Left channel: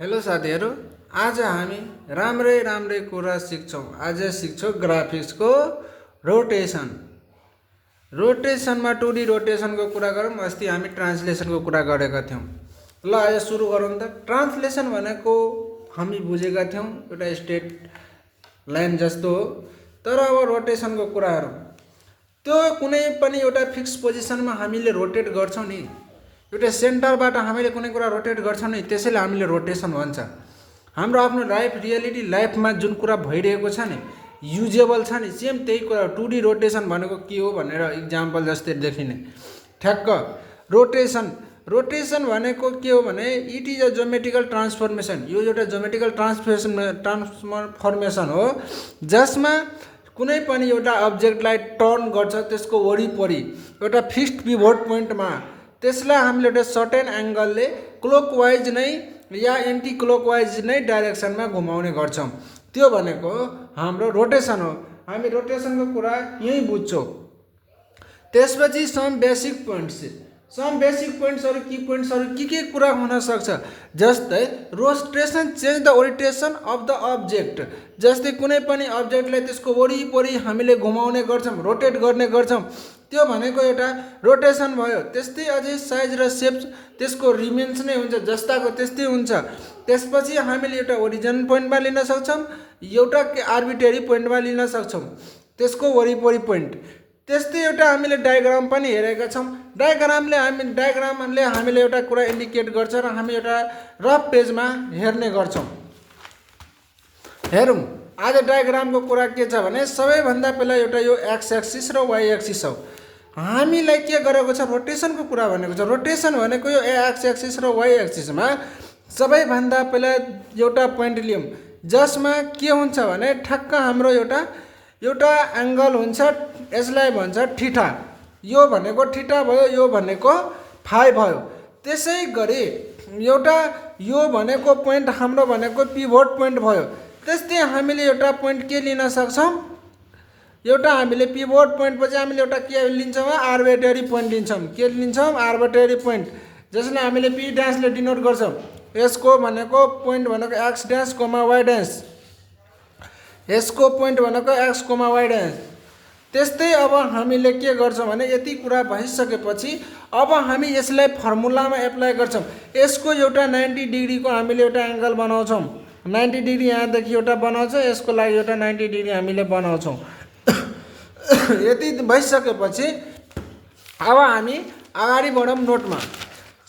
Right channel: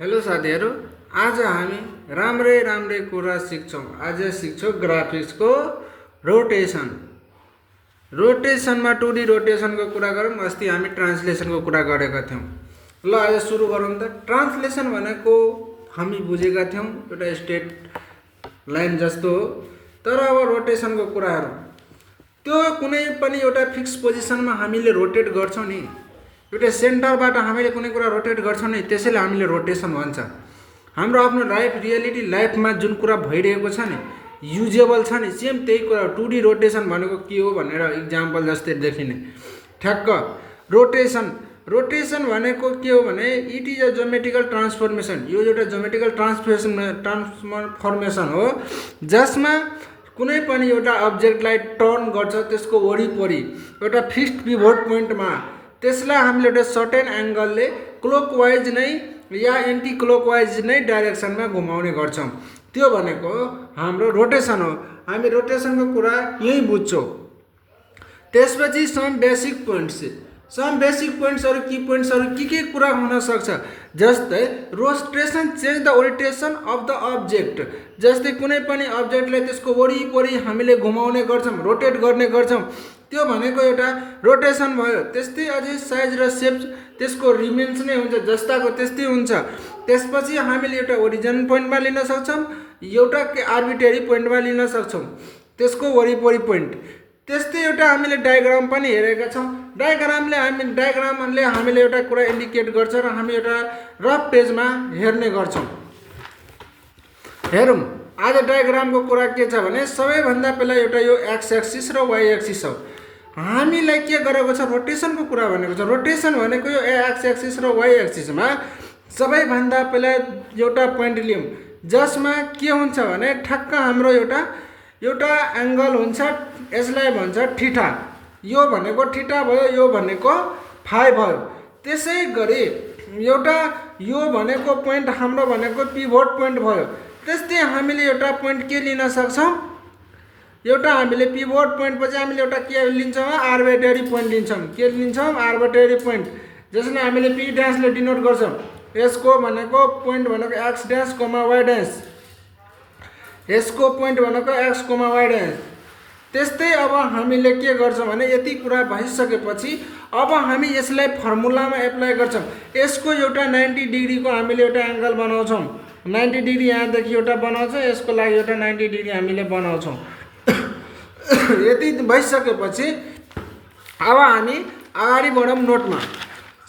Hello साथीहरू, आज हामी राम्रै कुरा सिक्छौँ। आज सिक्छौँ ग्राफिक्सको रोटेसन। रोटेसनमा 2D रोटेसनको कुरा गरौँ। अस्ति हामी ट्रान्सलेसनको कुरा गरेका थियौँ। ल आज सुरु गरौँ त। ट्रान्सलेसन भनेको हामी बुझेका थियौँ एउटा स्ट्रेट लाइन जस्तो हो। तर अब रोटेसनको कुराहरू त्यो कुनै पनि एउटा फिक्स पोजिसनमा हामीले रोटेट गर्छौँ नि, एउटा सेन्टरबाट हामीले कुनै कुरा रोटेट गर्छौँ नि, त्यसैले हामीले रोटेसन भन्छ। हाम्रो आफ्नो लाइफ रियालिटी लाइफमा जुन कुरा भइरहेको छ नि, युजेबल छ नि, सेम त्यही कुरा 2D रोटेसन भनेको के हो भनेर इक्जाम्पल जस्तै देखिने ठ्याक्क रोटेसन भनेको के हो भने it is a geometrical transformation. यो एउटा ज्योमेट्रिकल ट्रान्सफर्मेसन हो जसमा कुनै पनि एउटा अब्जेक्टलाई टर्न गर्छ त्यसको वरिपरि एउटा फिक्स्ड पिभट पोइन्टमा, त्यसलाई हामीले एउटा सर्टेन एङ्गलले क्लोकवाइज नै या एन्टी क्लोकवाइज नै डाइरेक्सनमा घुमाउने गर्छौँ। त्यो भनेको हाम्रो रोटेसन हो। हामी रोटेसनको कुरा यही बुझ्छौँ। त्यसपछि सम बेसिक पोइन्ट्सहरू की पोइन्ट्सहरू के कुरा हुन सक्छ, जस्तै rotation change the orientation of the object. जस्तै कुनै पनि अब्जेक्टलाई त्यसको वरिपरि हामीले घुमाउने गर्छौँ, रोटेट गर्ने गर्छौँ, त्यो भनेको एउटा रोटेसन भयो। त्यस्तै अझै साइज र सेप त्यसको रिमेन्स नै हुन्छ, जस्ताको त्यस्तै हुन्छ। त्यसपछि हामीले एउटा ओरिजिन पोइन्टमा लिन सक्छौँ, एउटा आर्बिट्रेरी पोइन्टमा लिन सक्छौँ त्यसको वरिपरि पोइन्ट। त्यस्तै एउटा हामीले डायग्राम पनि हेरेका छौँ। डायग्रामले हामीले एउटा कुरा इन्डिकेट गर्छ र हामी एउटा रफ पेजमा हेर्ने गर्छौँ। हेरौँ आज डायग्रामको कुरा के छ भने सबैभन्दा पहिला एउटा यो एक्स एक्सिस र वाइ एक्सिस हो। हामीलाई के गरेको छ, रोटेसनको कुरा भनेको छ। रोटेसन भनेको यो एक्स एक्सिस र वाइ एक्सिसमा सबैभन्दा पहिला एउटा पोइन्ट लियौँ जसमा के हुन्छ भने ठ्याक्क हाम्रो एउटा एङ्गल हुन्छ, यसलाई भन्छ ठिटा। यो भनेको ठिटा भयो, यो भनेको फाइ भयो। त्यसै गरी एउटा यो भनेको पोइन्ट हाम्रो भनेको पिभट पोइन्ट भयो। त्यस्तै हामीले एउटा पोइन्ट के लिन सक्छौँ, एउटा हामीले पिभट पोइन्टपछि हामीले एउटा के लिन्छौँ, आर्बिट्रेरी पोइन्ट लिन्छौँ। के लिन्छौँ, आर्बिट्रेरी पोइन्ट, जसलाई हामीले पी ड्यासले डिनोट गर्छौँ। यसको भनेको पोइन्ट भनेको x dash coma why dash, यसको पोइन्ट भनेको एक्स कोमा वाइ ड्यास। त्यस्तै अब हामीले के गर्छौँ भने यति कुरा भइसकेपछि अब हामी यसलाई फर्मुलामा एप्लाई गर्छौँ। यसको एउटा 90 डिग्रीको हामीले एउटा एङ्गल बनाउँछौँ। 90 डिग्री यहाँदेखि एउटा बनाउँछौँ, यसको लागि एउटा 90 डिग्री हामीले बनाउँछौँ। यति भइसकेपछि अब हामी अगाडि बढौँ नोटमा।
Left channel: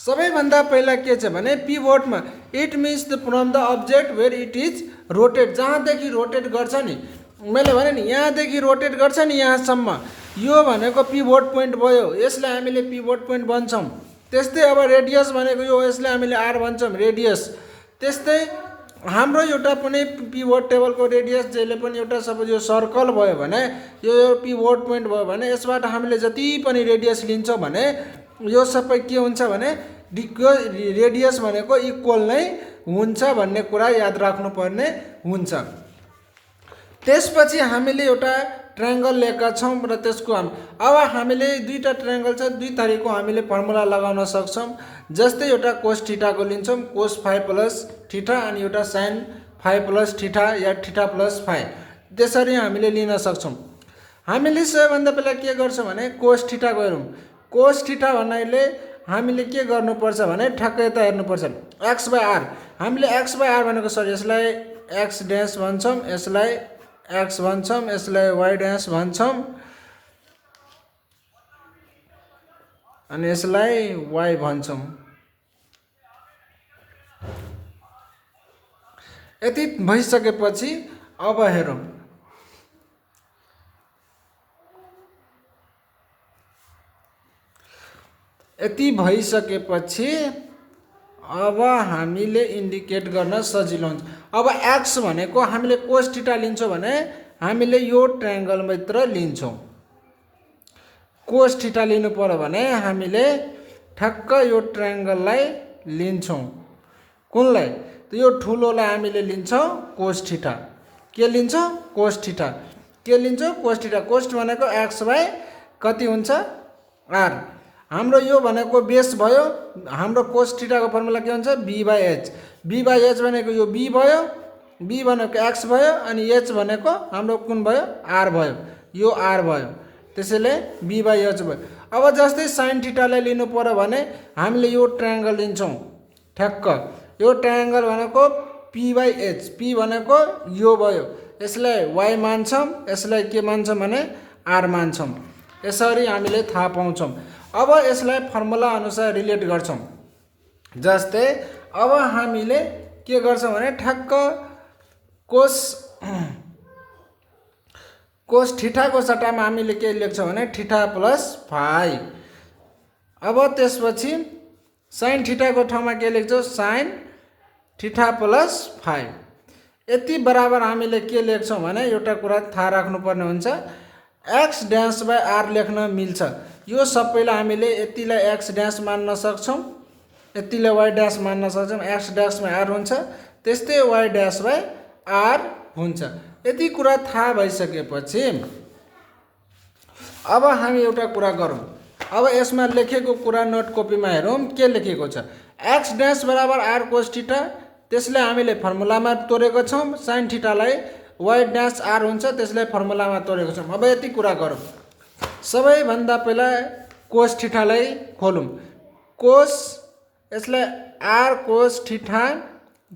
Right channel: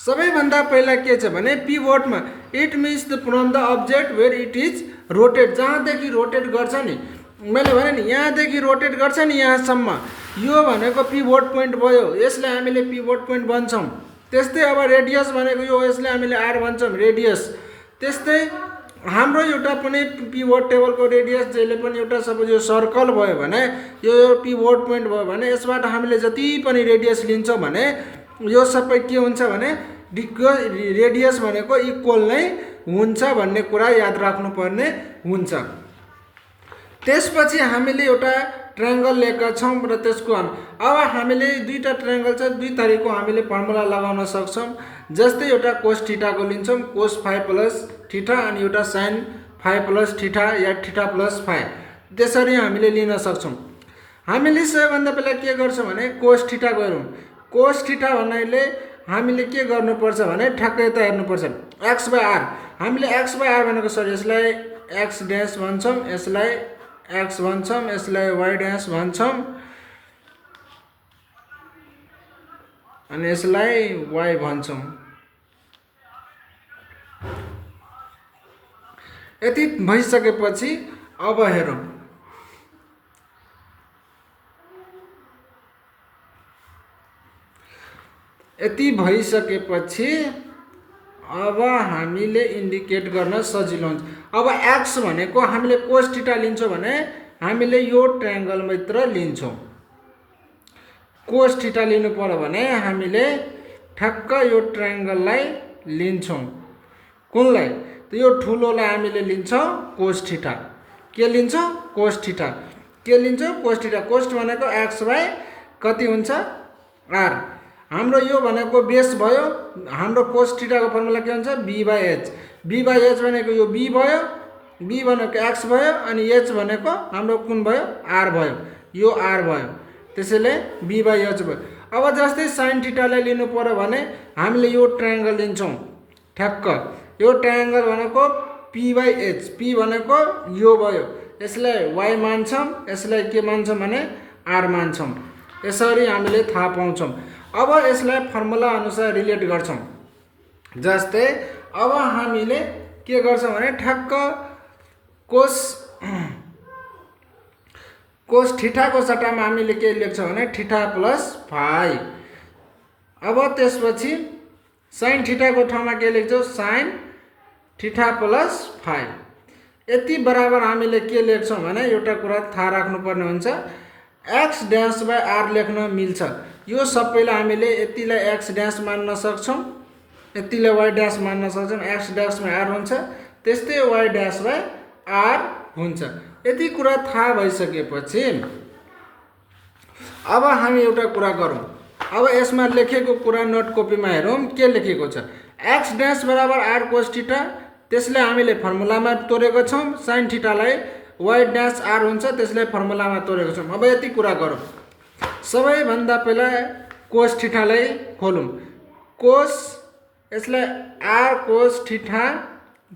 सबैभन्दा पहिला के छ भने पिभटमा it means the from the object where it is rotate. जहाँदेखि रोटेट गर्छ नि, मैले भने नि यहाँदेखि रोटेट गर्छ नि यहाँसम्म, यो भनेको पिभट पोइन्ट भयो। यसलाई हामीले पिभट पोइन्ट भन्छौँ। त्यस्तै अब रेडियस भनेको यो, यसलाई हामीले आर भन्छौँ, रेडियस। त्यस्तै हाम्रो एउटा कुनै पिभट टेबलको रेडियस जहिले पनि एउटा सपोज यो सर्कल भयो भने यो पिभट पोइन्ट भयो भने यसबाट हामीले जति पनि रेडियस लिन्छौँ भने यो सबै के हुन्छ भने रेडियस भनेको इक्वल नै हुन्छ भन्ने कुरा याद राख्नुपर्ने हुन्छ। त्यसपछि हामीले एउटा ट्रायङ्गल लिएका छौँ र त्यसको अब हामीले दुईवटा ट्रायङ्गल छ, दुई थरीको हामीले फर्मुला लगाउन सक्छौँ। जस्तै एउटा कोस थीटाको लिन्छौँ, कोस फाइ प्लस थीटा, अनि एउटा साइन फाइ प्लस थीटा या थीटा प्लस फाइ, त्यसरी हामीले लिन सक्छौँ। हामीले सबैभन्दा पहिला के गर्छौँ भने कोस थीटाको हेरौँ। कोस थीटा भन्नाले हामीले के गर्नुपर्छ भने ठ्याक्कै यता हेर्नुपर्छ, एक्स बाई आर। हामीले एक्स बाई आर भनेको सरी, यसलाई एक्स ड्यास भन्छौँ, यसलाई एक्स भन्छौँ, यसलाई वाइ ड्यास भन्छौँ, अनि यसलाई वाइ भन्छौँ। यति भइसकेपछि अब हेरौँ, यति भइसकेपछि अब हामीले इन्डिकेट गर्न सजिलो हुन्छ। अब एक्स भनेको हामीले कोस थीटा लिन्छौँ भने हामीले यो ट्रायङ्गलभित्र लिन्छौँ। कोस थीटा लिनु पर्यो भने हामीले ठ्याक्क यो ट्रायङ्गललाई लिन्छौँ। कुनलाई, यो ठुलोलाई हामीले लिन्छौँ कोस थीटा। के लिन्छौँ, कोस थीटा। के लिन्छौँ, कोस थीटा। कोस भनेको एक्स बाई कति हुन्छ, आर। हाम्रो यो भनेको बेस भयो। हाम्रो कोस थीटाको फर्मुला के हुन्छ b/h। b/h भनेको यो b भयो, b भनेको x भयो अनि h भनेको हाम्रो कुन भयो r भयो, यो r भयो। त्यसैले b/h भयो। अब जस्तै sin थीटालाई लिनु पर्यो भने हामीले यो ट्रायंगल लिन्छौं। ठ्याक्क यो ट्रायंगल भनेको p/h, p भनेको यो भयो। यसलाई y मान्छौं, यसलाई के मान्छौं भने r मान्छौं। यसरी हामीले थाहा पाउँछौं। अब यसलाई फर्मुला अनुसार रिलेट गर्छौं। जस्तै अब हामीले के गर्छौं भने ठ्याक्क कोस थीटाको सट्टामा हामीले के लेख्छौं भने थीटा प्लस फाइ। अब त्यसपछि sin थीटाको ठाउँमा के लेख्छौं sin थीटा प्लस फाइ। यति बराबर हामीले के लेख्छौं भने एउटा कुरा थाहा राख्नुपर्ने हुन्छ, x डैश बाइ r लेख्न मिल्छ। यो सबैलाई हामीले यतिलाई x डैश मान्न सक्छौं, यतिलाई y डैश मान्न सक्छौं। x डैश बाइ r हुन्छ, त्यस्तै y डैश बाइ r हुन्छ। यति कुरा थाहा भइसकेपछि अब हामी एउटा कुरा गरौँ। अब यसमा लेखेको कुरा नोट कपीमा हेरौँ के लेखेको छ। x डैश बराबर r cos थीटा, त्यसलाई हामीले फर्मुलामा तोडेको छौं। sin थीटालाई y डैश r हुन्छ, त्यसलाई फर्मुलामा तोडेको छौं। अब यति कुरा गरौँ। सबैभन्दा पहिला cos थीटालाई खोलौँ। cos यसलाई r cos थीटा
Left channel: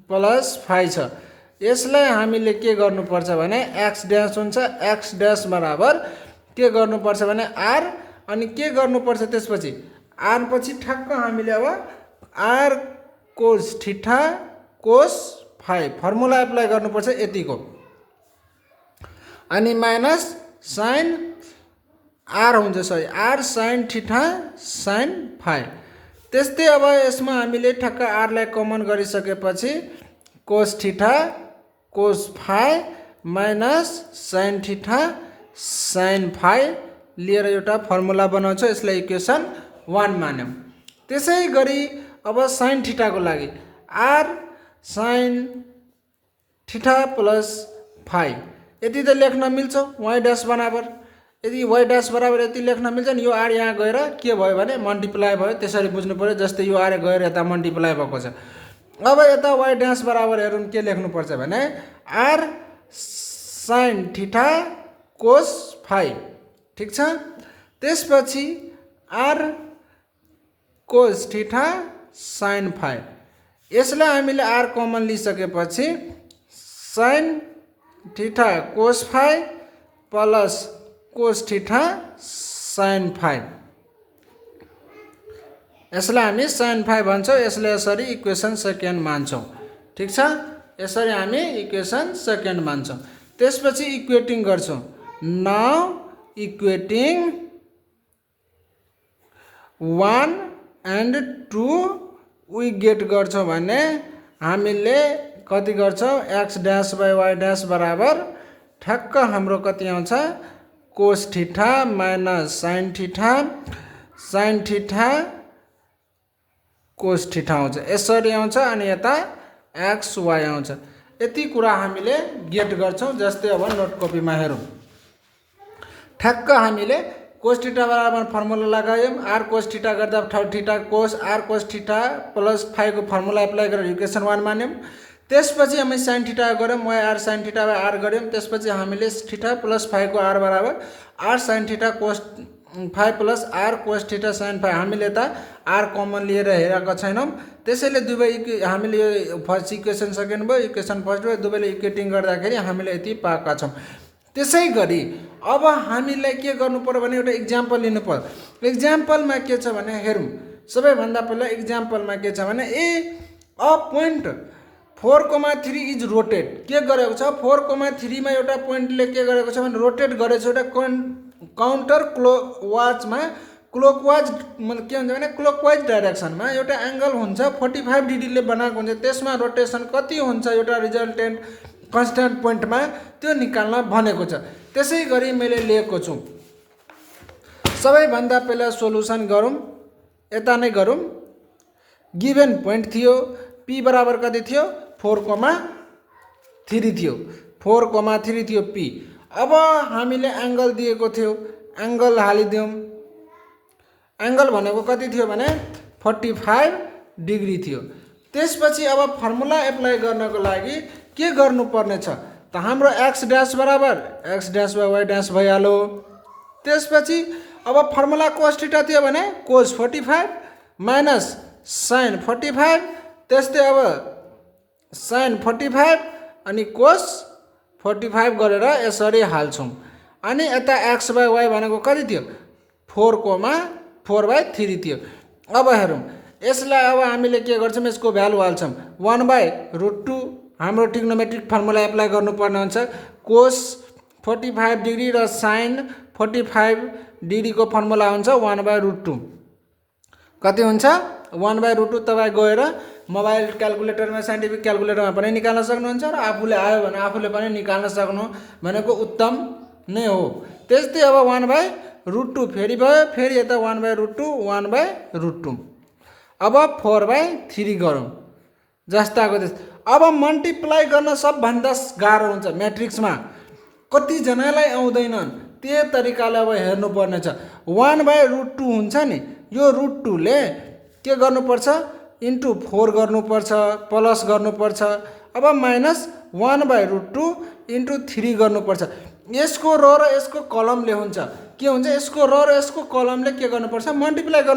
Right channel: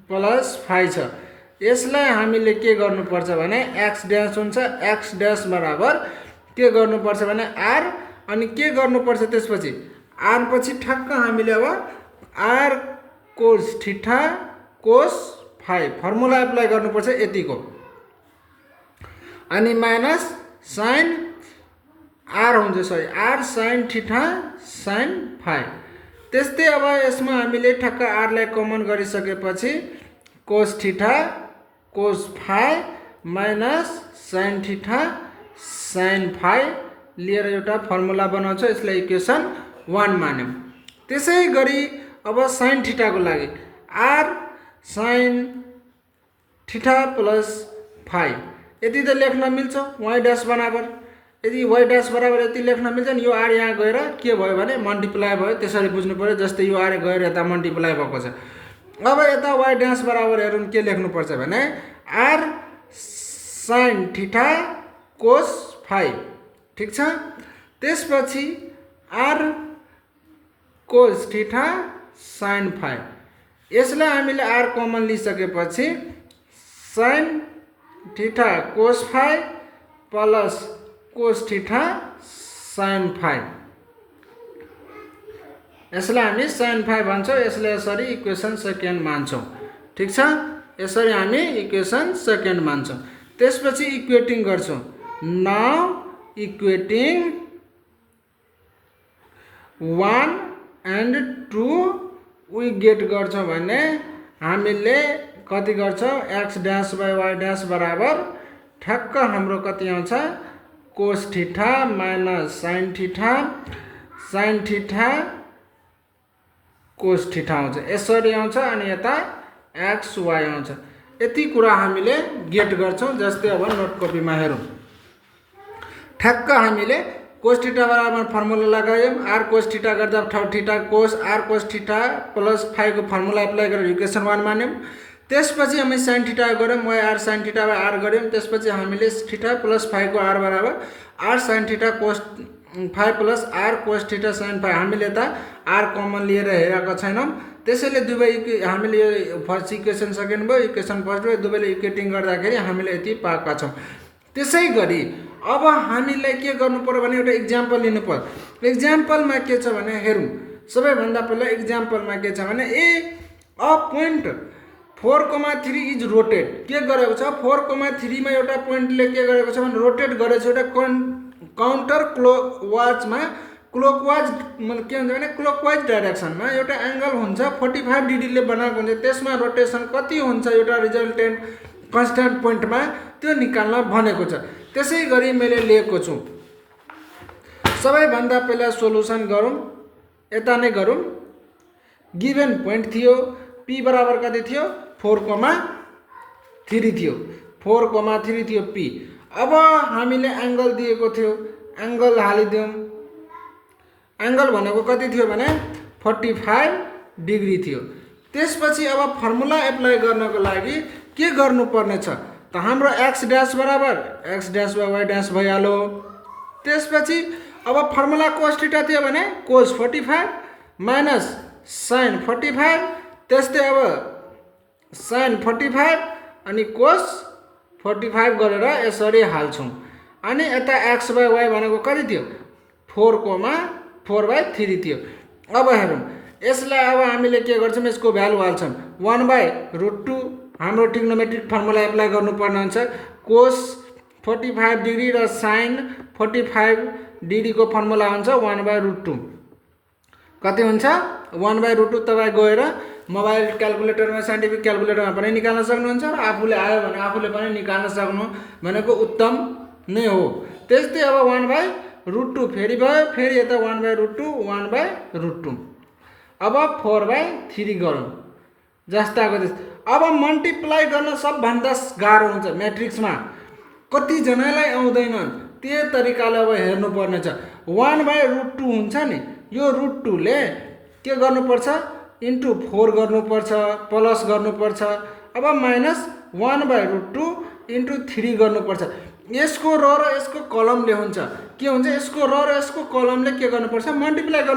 प्लस फाइ छ। यसलाई हामीले के गर्नुपर्छ भने x डैश हुन्छ, x डैश बराबर के गर्नुपर्छ भने r अनि के गर्नुपर्छ त्यसपछि r पछि ठ्याक्क हामीले अब r cos थीटा cos फाइ फर्मुला एप्लाई गर्नुपर्छ यतिको, अनि माइनस sin r हुन्छ, sorry r sin theta sin फाइ। त्यस्तै अब यसमा हामीले ठ्याक्क r लाई कमन गरिसकेपछि cos थीटा cos फाइ माइनस sin थीटा sin फाइ लिएर एउटा फर्मुला बनाउँछौं। यसलाई इक्वेसन 1 मान्यौं। त्यसै गरी अब sin थीटाको लागि r sin थीटा प्लस फाइ यति त लेख्न मिल्छ y डैश बराबर। यदि y डैश बराबर यति लेख्न मिल्छ नि, यो r यहाँ गएर के भयो भने मल्टिप्लाई भयो। त्यसरी बुझ्नु पर्यो। जस्तै यो r गएर यता मल्टिप्लाई भएको छ। अब यता y डैश बराबर हेरौँ के लेख्नु पर्छ भने r sin theta cos phi. ठीक छ। त्यसपछि r cos theta sin phi. यसलाई हामीले r कमन लिइसकेपछि sin theta cos phi plus cos theta sin phi. यसलाई हामी sin फाइ भन्छौं। यसले यसरी इक्वेसन सेकेन्ड मान्छौं। ठीक छ। यसरी हामी इक्वेसन सेकेन्ड मान्छौं। त्यसपछि इक्वेटिङ गर्छौं। Now equating 1 and 2 we get गर्छौं भने हामीले कति गर्छौं x dash by y dash बराबर ठ्याक्क हाम्रो कति आउँछ cos theta minus sin theta cos theta आउँछ। यसरी आउँछ अनि यता x y आउँछ। यति कुरा हामीले गेट गर्छौं। जस्तै अब नोट कपीमा हेरौँ। ठ्याक्क हामीले cos थीटा बराबर फर्मुला लगायौं। r cos थीटा गर्दा theta cos r cos theta plus phi को फर्मुला एप्लाई गरेर इक्वेसन 1 मान्यौं। त्यसपछि हामी sin थीटा गर्यौं, y r sin theta by r गर्यौं। त्यसपछि हामीले थीटा प्लस फाइ को r बराबर r sin theta cos phi plus r cos theta sin phi. हामीले त r कमन लिएर हेरेका छैनौं। त्यसैले दुवै हामीले यो फर्स्ट इक्वेसन सेकेन्ड भयो, इक्वेसन फर्स्ट भयो, दुवैले इक्वेटिङ गर्दाखेरि हामीले यति पाएका छौं। त्यसै गरी अब हामीलाई के गर्नु पर्यो भने एउटा एक्जाम्पल लिनु पर्यो। एक्जाम्पलमा के छ भने हेरौँ। सबैभन्दा पहिला एक्जाम्पलमा के छ भने अ पोइन्ट 4,3 इज रोटेट के गरेको छ 4,3 मा एउटा पोइन्टले के गरेको छ भने रोटेट गरेको छ। एउटा काउन्टर क्लकवाइजमा क्लकवाइज मतलब के हुन्छ भने क्लकवाइज डाइरेक्सनमा एउटा एंगल हुन्छ 45 डिग्रीले बनाएको हुन्छ। त्यसमा रोटेसन कति हुन्छ एउटा रिजल्टेन्ट कन्स्टेन्ट पोइन्टमा त्यो निकाल्न भनेको छ। त्यसै गरी मैले लिएको छु। सबैभन्दा पहिला सोलुसन गरौँ। यता नै गरौँ। गिभन पोइन्ट थियो p बराबर कति थियो 4,3 थियो। 4,3 थियो p। अब हामीले एंगल दिएको थियो, एंगल हालिदियौं। एङ्गल भनेको कति थियो भने 45 डिग्री थियो। त्यसपछि अब फर्मुला एप्लाई गर्नको लागि के गर्नुपर्ने छ त हाम्रो x ड्यास बराबर x dash by y dash भइहाल्यो। त्यसपछि अब फर्मुला cos थीटा थियो भने cos 45 माइनस sin 45, त्यस्तै अब sin 45 अनि cos 45 गरेर यसरी हाल्छौँ। अनि यता x बाई y भनेको कति थियो 4,4/3 थियो। अब हेरौँ यसलाई अब हामीले के गर्छौँ यसको भ्यालु हाल्छौँ 1/√2 हाम्रो ट्रिग्नोमेट्रिक फर्मुला एप्लाई गर्नुपर्ने हुन्छ। cos 45 डिग्री र sin 45 डिग्रीको फर्मुला हुन्छ 1/√2 कति हुन्छ 1/√2। तपाईँ गएर मोबाइल क्यालकुलेटरमा साइन्टिफिक क्यालकुलेटरमा पनि निकाल्न सक्नुहुन्छ र आफूले आयो भने आफूले पनि निकाल्न सक्नु भनेको उत्तम नै हो। त्यस्तै अब 1/√2 फेरि भयो, फेरि यता 1/√2 1/√2 अब 4/3 गरौँ जस्ताको त्यस्तै। अब मल्टिप्लाई गर्न सबभन्दा गाह्रो हुन्छ म्याट्रिक्समा, कतिजनालाई आउँदैन त्यो तरिकाले अब हेर्नुपर्ने छ। 1/√2 हुन्छ नि, यो √2 ले के गर्नुपर्छ इन्टु 4 गर्नुपर्छ प्लस गर्नुपर्छ, अब माइनस 1/√2 इन्टु 3 गर्नुपर्छ। यसको र यसको कलमले हुन्छ के हुन्छ, यसको र यसको कलमले के गर्नुपर्छ मल्टिप्लाई